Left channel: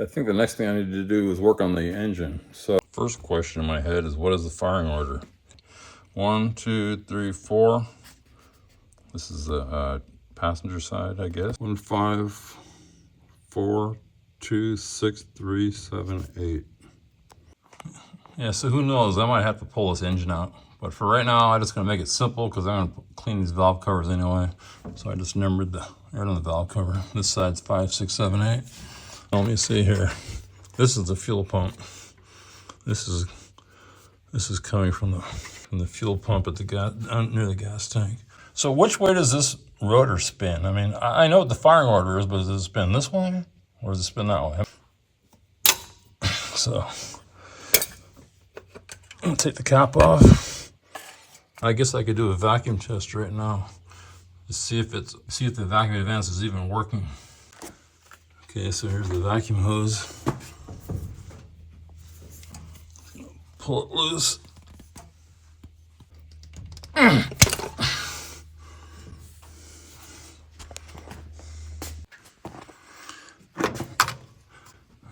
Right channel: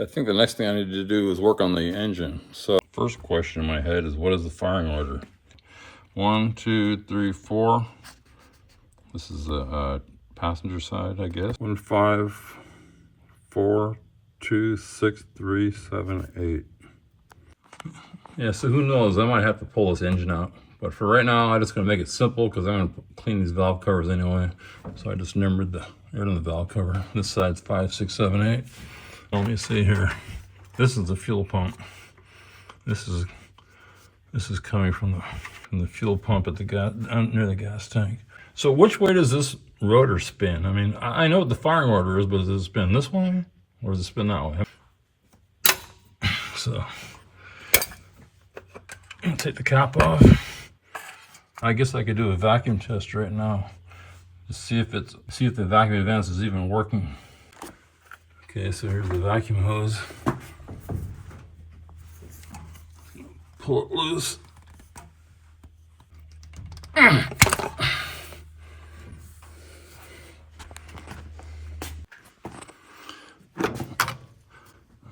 I think the next thing I need to do is work on the engine. So first question in my head is, what is the firing order? 1, 2, 3, 4. This is the passenger side, I guess. 1, 5, 4, 2, 6, 3, 7, 8. Yeah, so who knows? I might have to pull this engine out. But for right now, I'm just going to make it simple because I'm going to clean these valve covers anyway. So I just numbered the valve cover. This side's 5, 6, 7, 8. Let me see here. This is the fuel pump. This is coming from the fuel pump at the gas, near the gas tank. So which way does this rotor spin? I mean, I know what the firing order is, but does it spin this way or does it spin that way? So I'll take the cap off. I guess I could do a vacuum test right now to see if the vacuum advance is even working. Okay, so here's the vacuum hose. Pull it loose.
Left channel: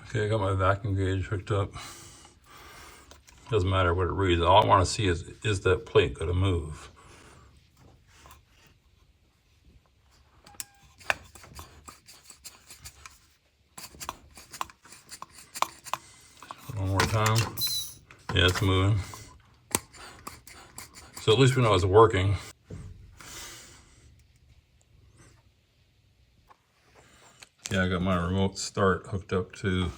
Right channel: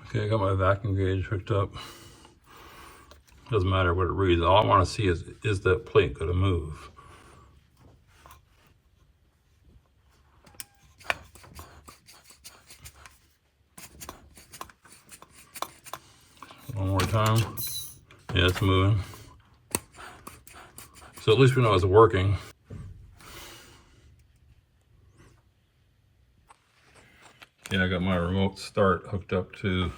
Okay, I got my vacuum gauge hooked up. Doesn't matter what it reads. All I want to see is that plate going to move? One more time. Yeah, it's moving. So at least we know it's working. Yeah, I got my remote start hooked up to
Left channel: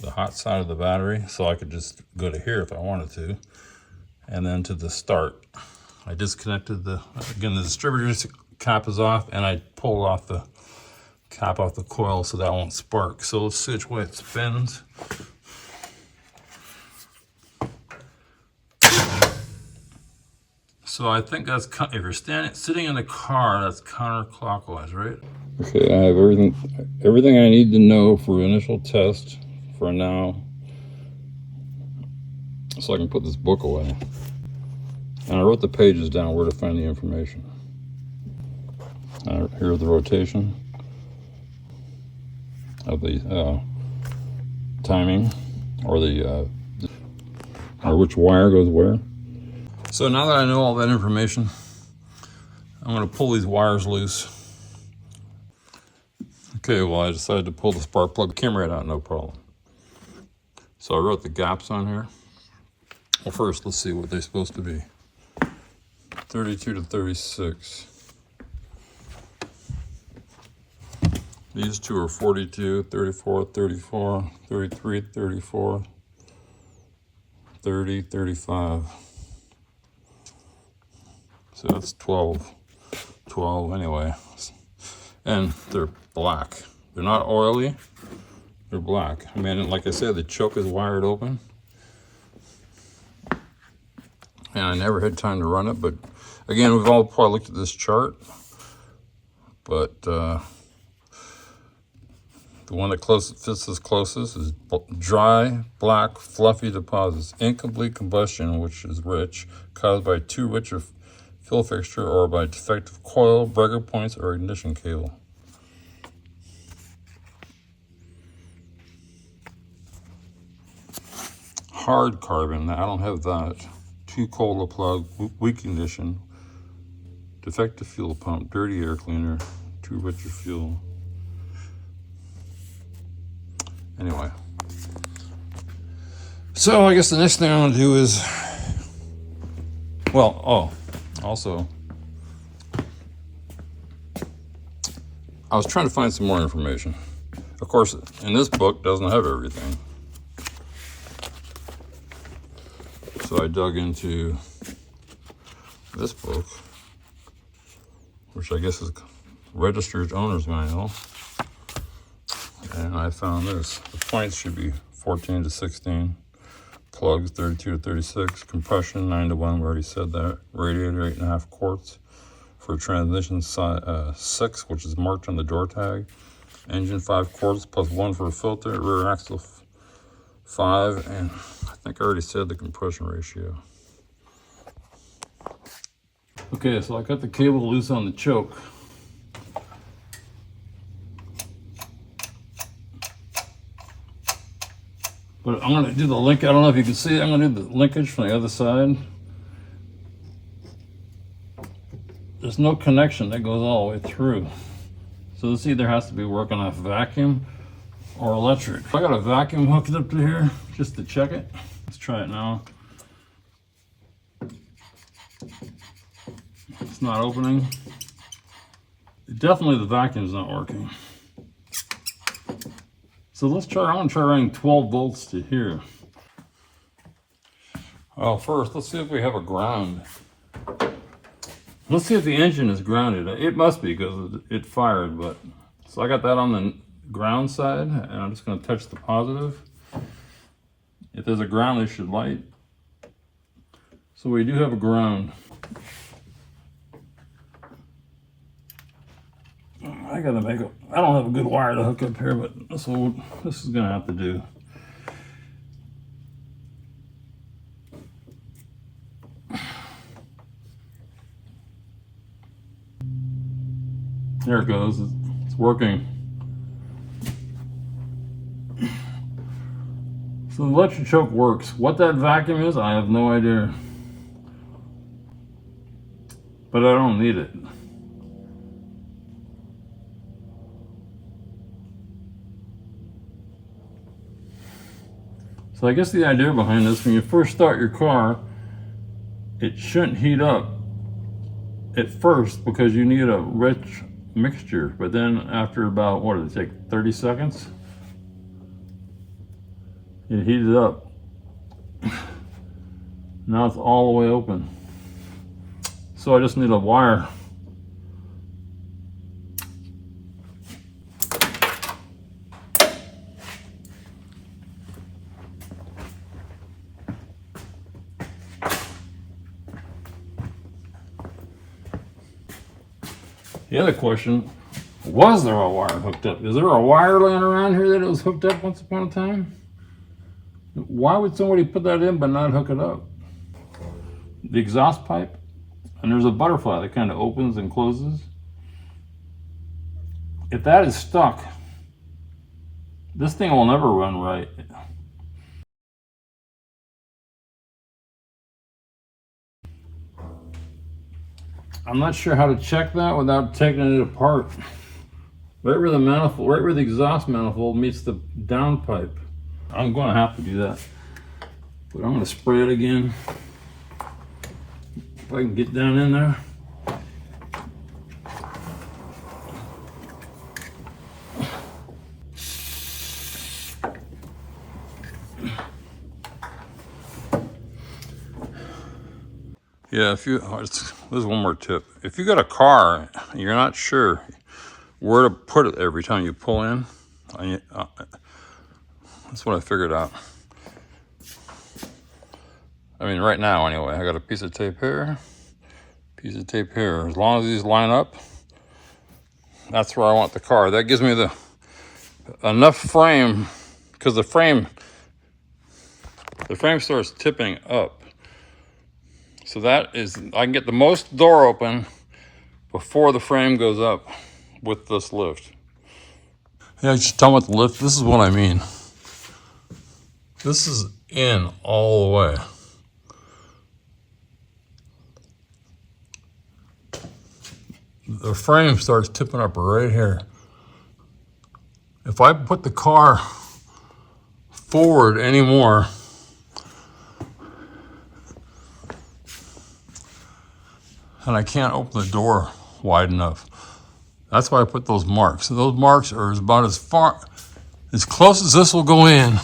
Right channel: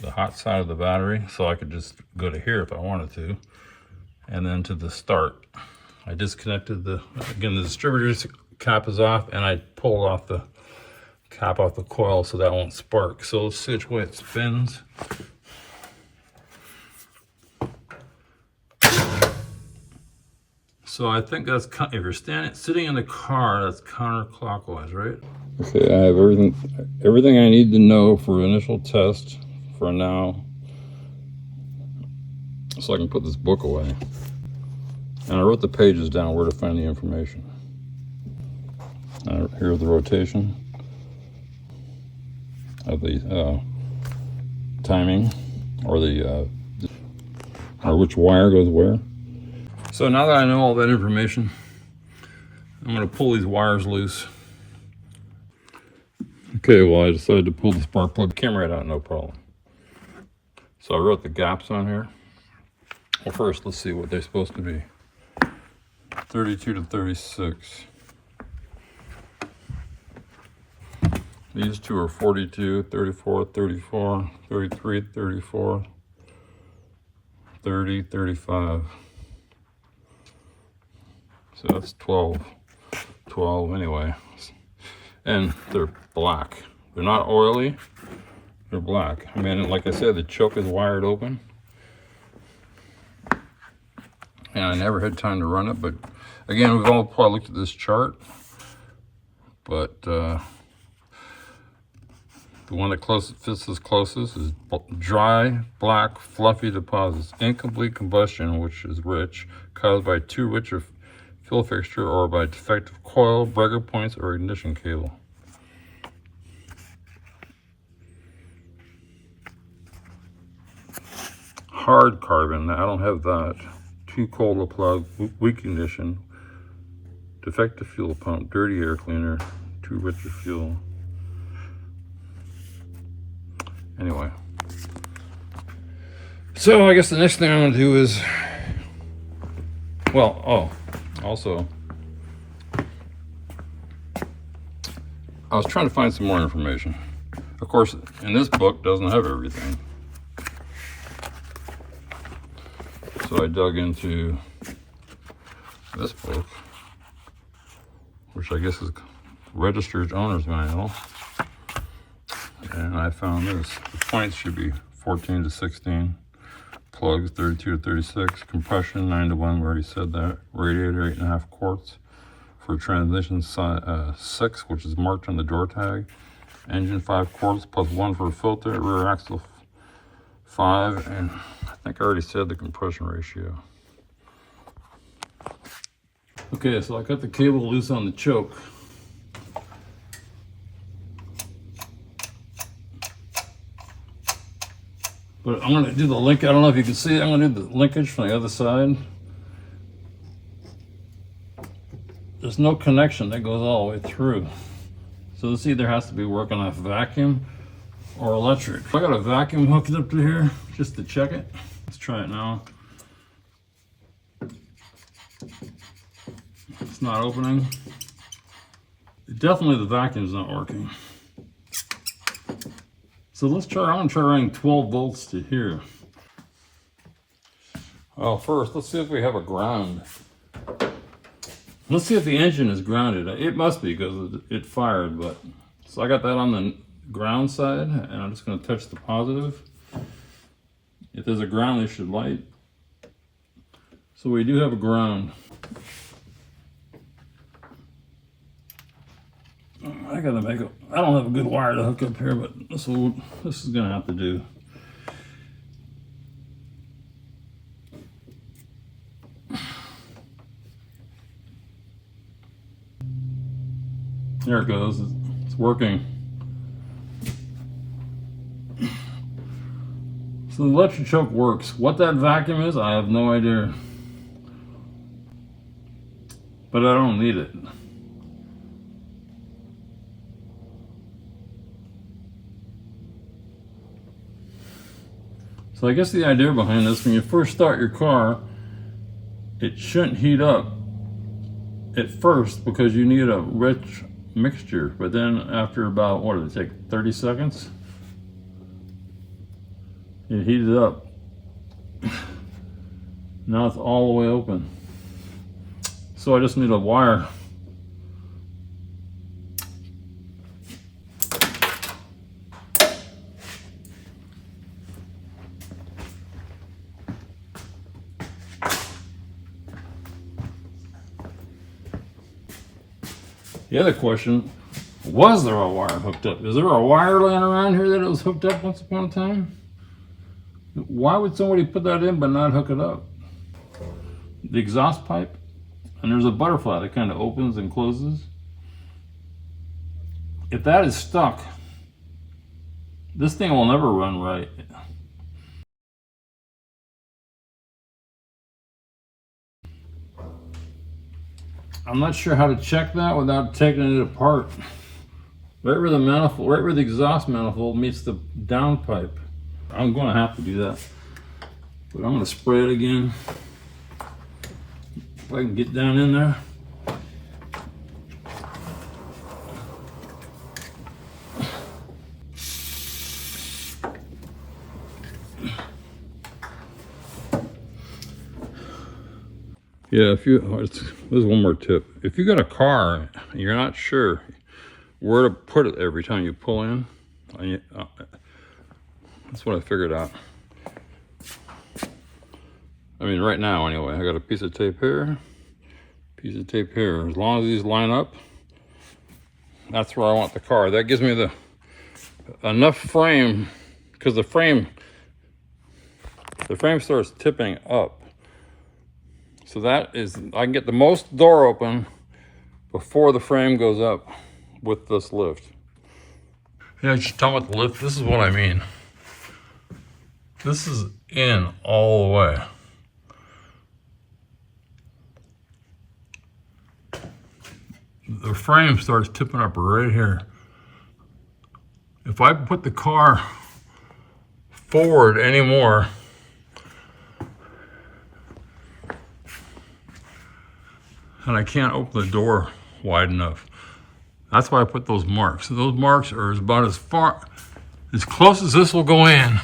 the hot side of the battery, so I could just go to here if I wanted to, and then to the start. I disconnected the distributor's cap is off, and I pulled off the cap off the coil so that won't spark. So let's see which way it spins. So I think that's, if you're sitting in the car, that's counterclockwise, right? Okay, I have everything I need to know for initial test for now, so I can put this book away. And I wrote the pages down where to find the information. Here's the rotation of the timing, or which wire goes where. So now that I know all that information, I'm going to pull these wires loose. Okay, well, I decided to pull the spark plug. Came right out, no problem. So I wrote the gaps on here. Well, first, let's see what they're supposed to be. 32 to 36. These two are 42, 34, 34, 33, 34, 30, 35. So that's 12 anyway. And they're black. They're not oily, they're black. I mean, like I said, the choke is wired open. And I never had time to run it, but again, we've all probably looked at this chart. But the one that fits us closest is dry, black, fluffy deposits. Incomplete combustion, which is rich, caused by too rich a fuel fixture or by defective coil, breaker points, or ignition cable. Hard carbon, I don't have that. Too cold to plug, weak ignition, defective fuel pump, dirty air cleaner, too rich of fuel. Anyway, so I guess the next thing I'm going to do is, also, I was trying to find some more information. Of course, in this book, doesn't have everything. So I dug into this book, which I guess is Registered Owner's Manual. And I found this. The points should be 14 to 16. Plugs 32 to 36. Compression 9 to 1, we already said that. Radiator 8.5 quarts. For transmission 6, which is marked on the door tag. Engine 5 quarts plus 1 for a filter. Rear axle 5. And I think I already said the compression ratio. Okay, so I got the cable loose on the choke. But I'm gonna do the link. I don't know if you can see it. I'm gonna do the linkage from the other side. There's no connection that goes all the way through. So this either has to be working off vacuum or electric. I got a vacuum hooked up to here just to check it. Let's try it now. It's not opening. Definitely the vacuum's not working. So let's try, I'm gonna try running 12 volts to here. Well, first, let's see if we have a ground. Let's see if the engine is grounded. It must be because it fired, but. So I got that on the ground side, and I'm just gonna touch the positive. If there's a ground, they should light. So we do have a ground. I gotta make a, I don't have a good wire to hook up here, but this is gonna have to do. There it goes, it's working. So the electric choke works. What that vacuum is, I have no idea. But I don't need it. So I guess the idea behind this, when you first start your car, it shouldn't heat up at first because you need a rich mixture. But then after about, what did it take, 30 seconds? It heated up. Now it's all the way open. So I just need a wire. The other question, was there a wire hooked up? Is there a wire laying around here that it was hooked up once upon a time? Why would somebody put that in but not hook it up? The exhaust pipe, and there's a butterfly that kind of opens and closes. If that is stuck, this thing will never run right. I'm not sure how to check that without taking it apart. Right where the manifold, right where the exhaust manifold meets the downpipe. I'm going to have to do that. But I'm going to spray it again. If I can get down in there. Yeah, if you, there's one more tip. If you got a car and you're not sure where to put it every time you pull in, that's what I figured out. I mean, right now anyway, I got a piece of tape here, piece of tape here. As long as these line up, that's where I want the car. That gives me the enough frame, because the frame starts tipping up. So that is, I can get the most door open before the frame goes up with this lift. Yeah, just tell me with the lift, this is what I mean. This is in all the way. The frame starts tipping up right here. If I put the car forward anymore, and I can't open the door wide enough. That's why I put those marks. So those marks are about as far, as close as this will go in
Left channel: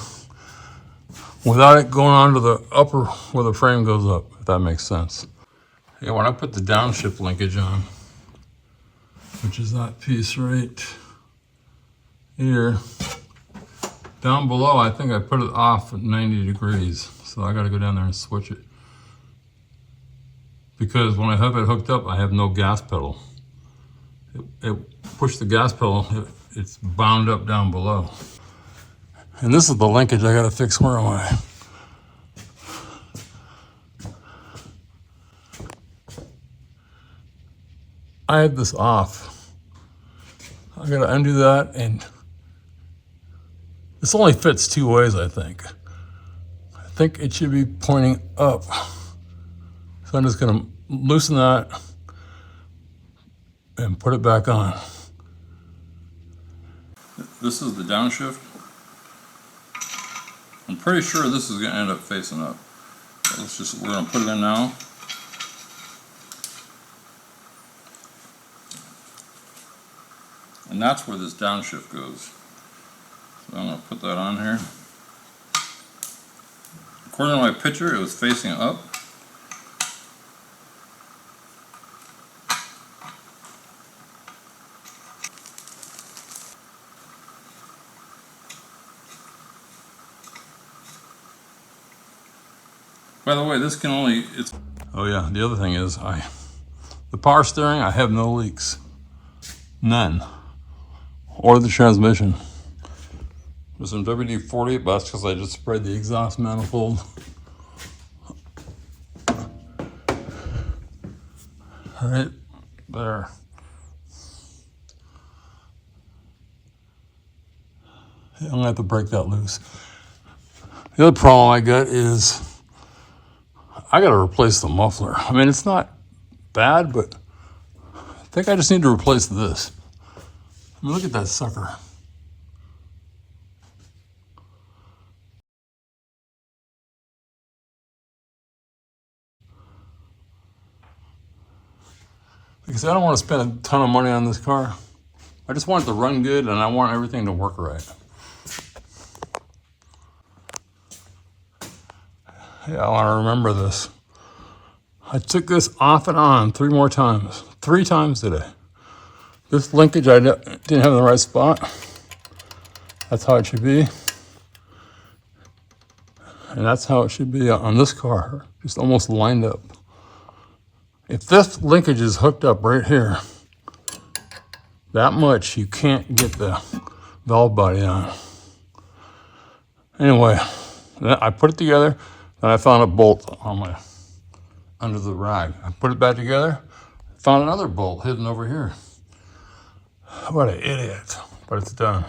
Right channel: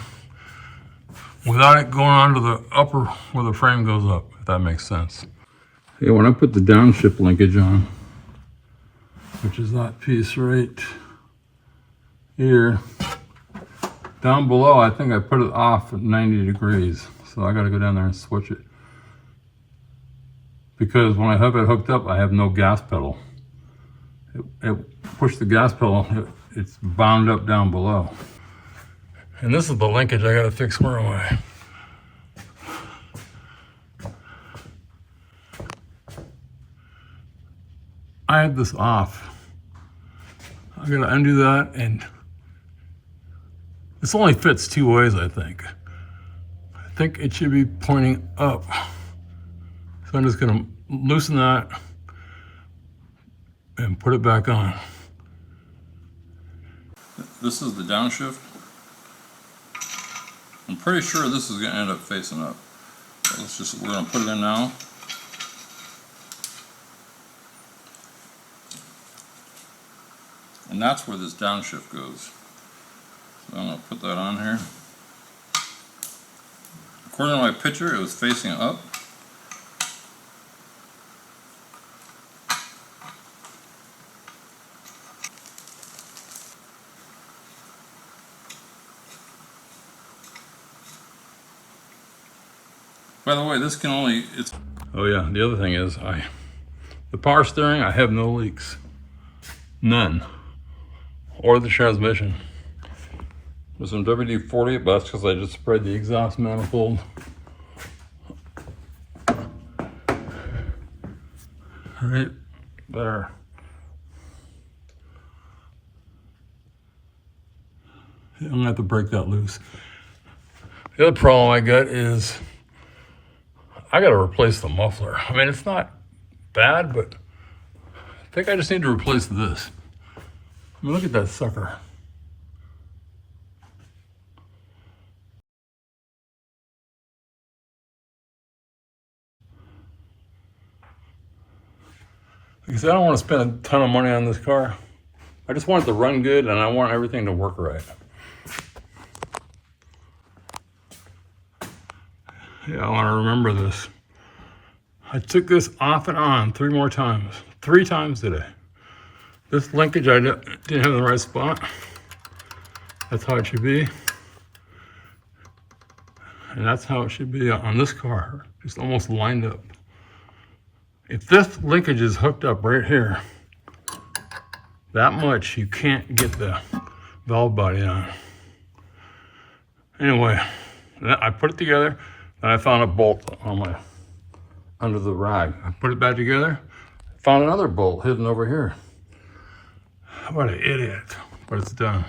without it going onto the upper where the frame goes up, if that makes sense. Yeah, when I put the downshift linkage on, which is that piece right here, down below, I think I put it off at 90 degrees. So I gotta go down there and switch it. Because when I have it hooked up, I have no gas pedal. It pushed the gas pedal, it's bound up down below. And this is the linkage I gotta fix. Where am I? I had this off. I gotta undo that, and this only fits two ways, I think. think it should be pointing up. So I'm just gonna loosen that and put it back on. This is the downshift. I'm pretty sure this is gonna end up facing up. So we're gonna put it in now. And that's where this downshift goes. So I'm gonna put that on here. According to my picture, it was facing up. By the way, this can only, oh yeah, the other thing is, the power steering, I have no leaks. None. Or the transmission. There's some WD-40, but that's because I just sprayed the exhaust manifold. Right there. I'm gonna have to break that loose. The other problem I got is I gotta replace the muffler. I mean, it's not bad, but I think I just need to replace this. I mean, look at that sucker. Because I don't want to spend a ton of money on this car. I just want it to run good and I want everything to work right. Yeah, I want to remember this. I took this off and on 3 more times. 3 times today. This linkage I didn't have in the right spot. That's how it should be. And that's how it should be on this car. Just almost lined up. If this linkage is hooked up right here, that much, you can't get the valve body on. Anyway, I put it together, then I found a bolt on under the rag. I put it back together, found another bolt hidden over here. What an idiot, but it's done.